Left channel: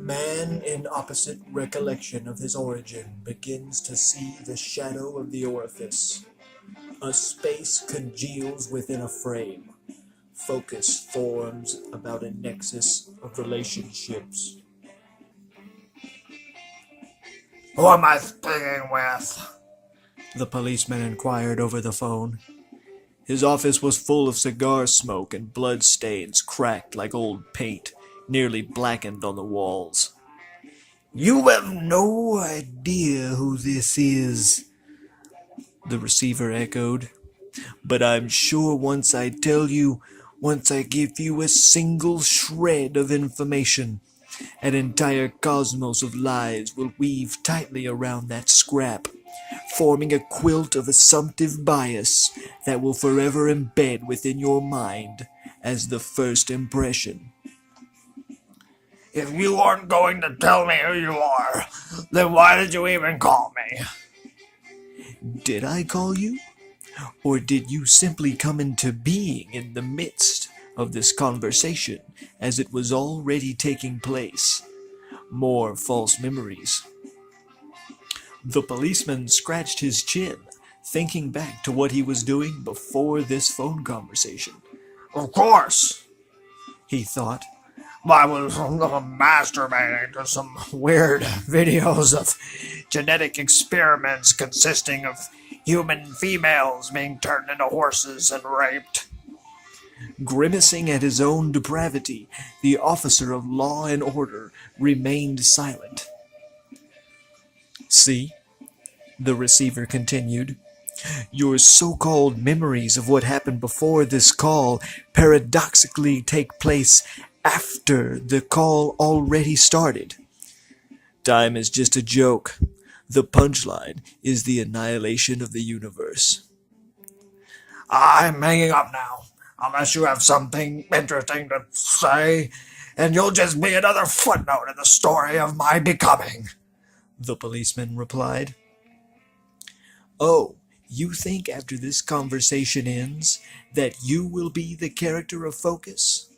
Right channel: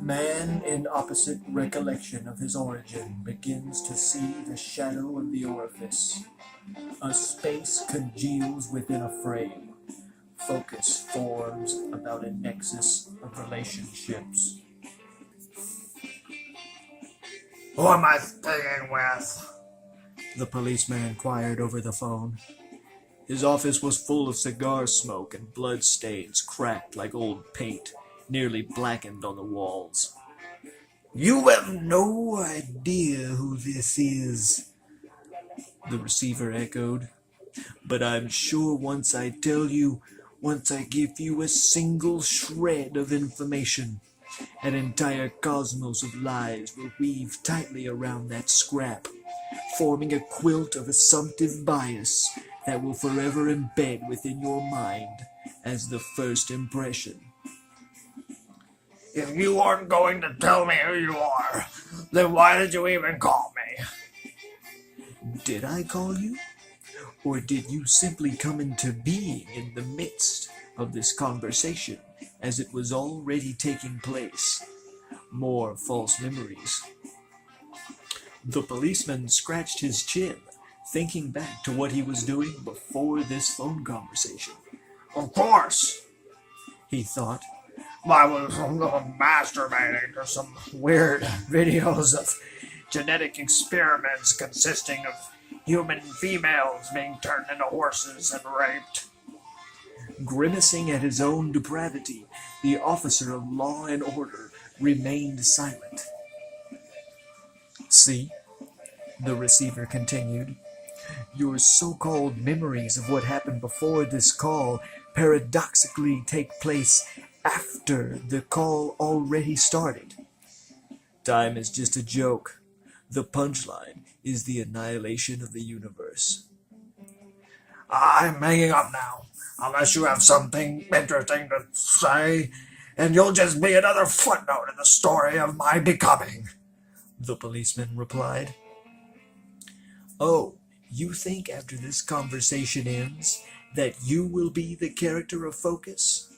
Man in opposite recollection of his origin begins to see the shadow of the orifice. A space congeals within a frame. Focus forms about a nexus of relationships. Who am I speaking with? The policeman inquired over the phone. His office was full of cigar smoke and blood stains cracked like old paint, nearly blackened on the walls. You have no idea who this is, The receiver echoed. But I'm sure once I tell you, once I give you a single shred of information, an entire cosmos of lies will weave tightly around that scrap, forming a quilt of assumptive bias that will forever embed within your mind as the first impression. If you aren't going to tell me who you are, then why did you even call me? Did I call you? Or did you simply come into being in the midst of this conversation as it was already taking place? More false memories. The policeman scratched his chin, thinking back to what he was doing before this phone conversation. Of course. He thought, I was masturbating to some weird videos of genetic experiments consisting of human females being turned into horses and raped. Grimacing at his own depravity, the officer of law and order remained silent. See, the receiver continued, your so-called memories of what happened before this call paradoxically take place after the call already started. Time is just a joke. The punchline is the annihilation of the universe. I'm hanging up now, unless you have something interesting to say, and you'll just be another footnote in the story of my becoming, the policeman replied. Oh, you think after this conversation ends that you will be the character of focus?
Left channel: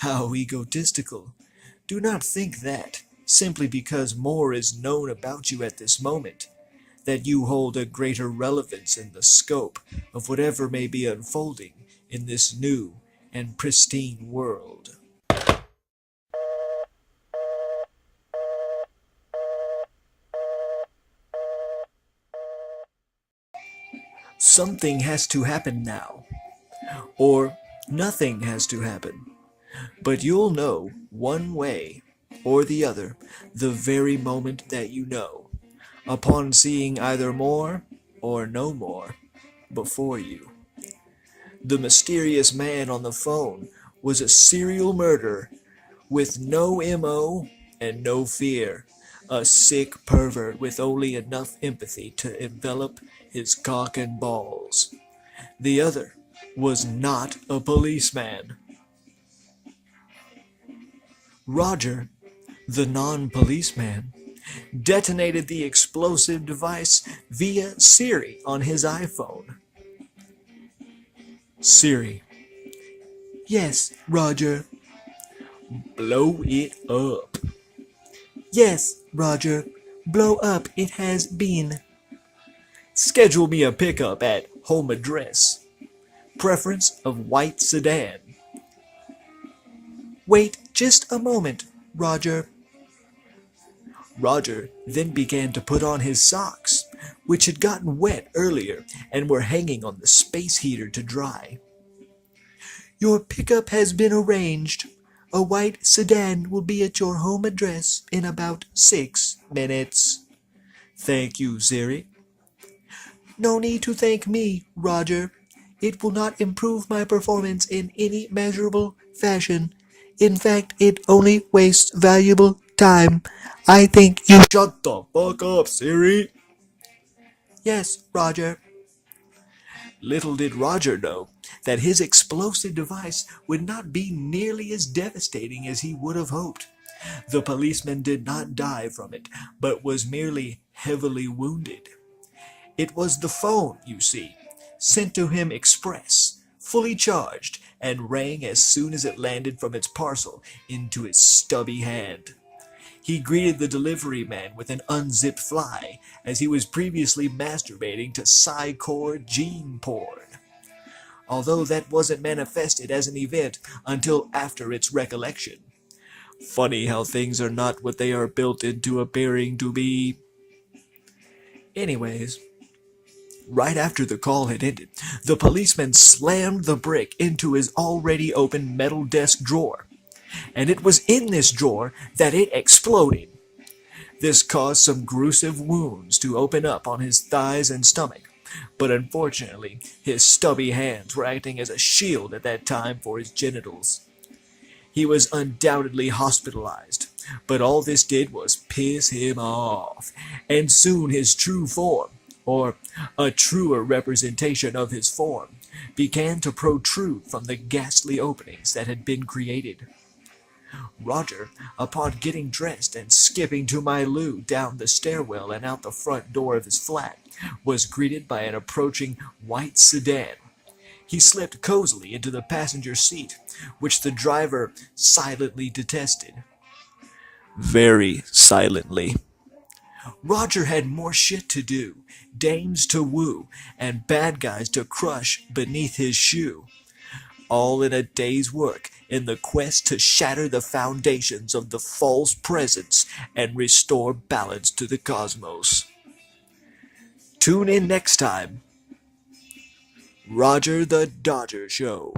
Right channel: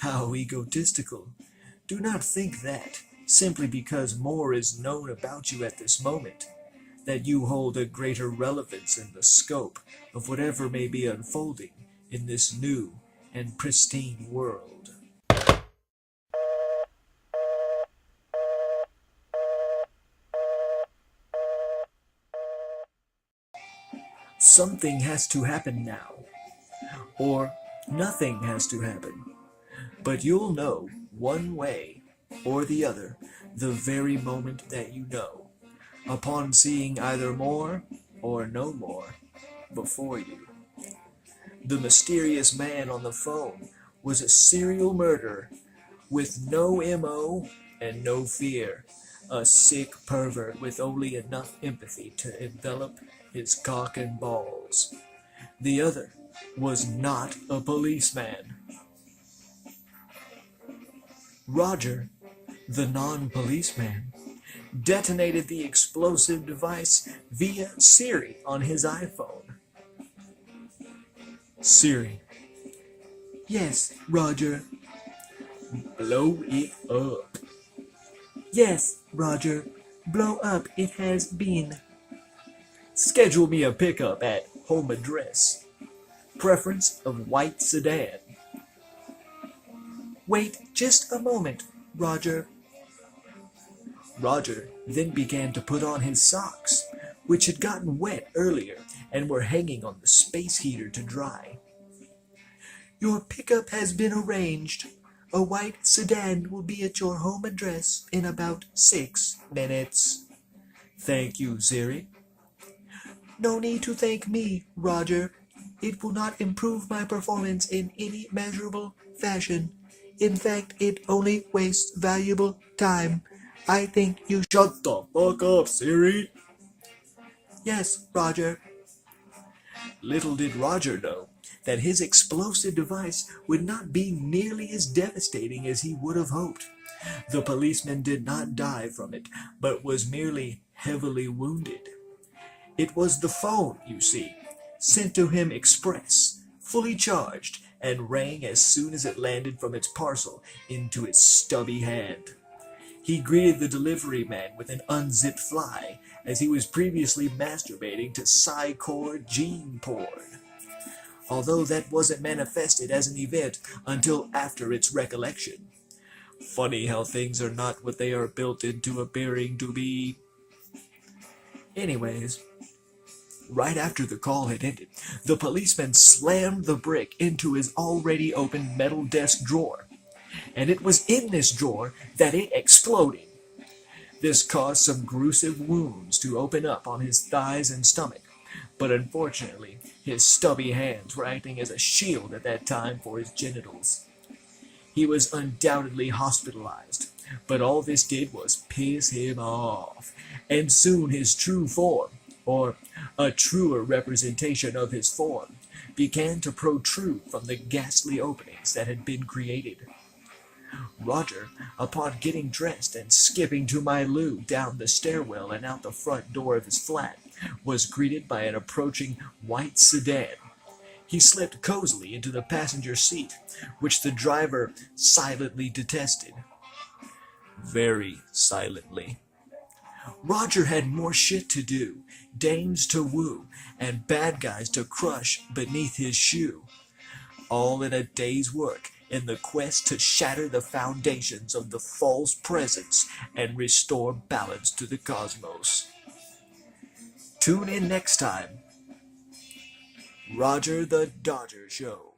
How egotistical. Do not think that, simply because more is known about you at this moment, that you hold a greater relevance in the scope of whatever may be unfolding in this new and pristine world. Something has to happen now, or nothing has to happen. But you'll know one way or the other the very moment that you know, upon seeing either more or no more before you. The mysterious man on the phone was a serial murderer with no MO and no fear, a sick pervert with only enough empathy to envelop his cock and balls. The other was not a policeman. Roger, the non-policeman, detonated the explosive device via Siri on his iPhone. Siri. Yes, Roger. Blow it up. Yes, Roger. Blow up it has been. Schedule me a pickup at home address. Preference of white sedan. Wait just a moment, Roger. Roger then began to put on his socks, which had gotten wet earlier and were hanging on the space heater to dry. Your pickup has been arranged. A white sedan will be at your home address in about 6 minutes. Thank you, Siri. No need to thank me, Roger. It will not improve my performance in any measurable fashion. In fact, it only wastes valuable time. I think you... Shut the fuck up, Siri. Yes, Roger. Little did Roger know that his explosive device would not be nearly as devastating as he would have hoped. The policeman did not die from it, but was merely heavily wounded. It was the phone, you see, sent to him express, fully charged, and rang as soon as it landed from its parcel into its stubby hand. He greeted the delivery man with an unzipped fly, as he was previously masturbating to sci-core gene porn, although that wasn't manifested as an event until after its recollection. Funny how things are not what they are built into appearing to be. Anyways, right after the call had ended, the policeman slammed the brick into his already open metal desk drawer, and it was in this drawer that it exploded. This caused some gruesome wounds to open up on his thighs and stomach, but unfortunately, his stubby hands were acting as a shield at that time for his genitals. He was undoubtedly hospitalized, but all this did was piss him off, and soon his true form, or a truer representation of his form, began to protrude from the ghastly openings that had been created. Roger, upon getting dressed and skipping to my loo down the stairwell and out the front door of his flat, was greeted by an approaching white sedan. He slipped cozily into the passenger seat, which the driver silently detested. Very silently. Roger had more shit to do, dames to woo, and bad guys to crush beneath his shoe, all in a day's work in the quest to shatter the foundations of the false presence and restore balance to the cosmos. Tune in next time. Roger the Dodger Show.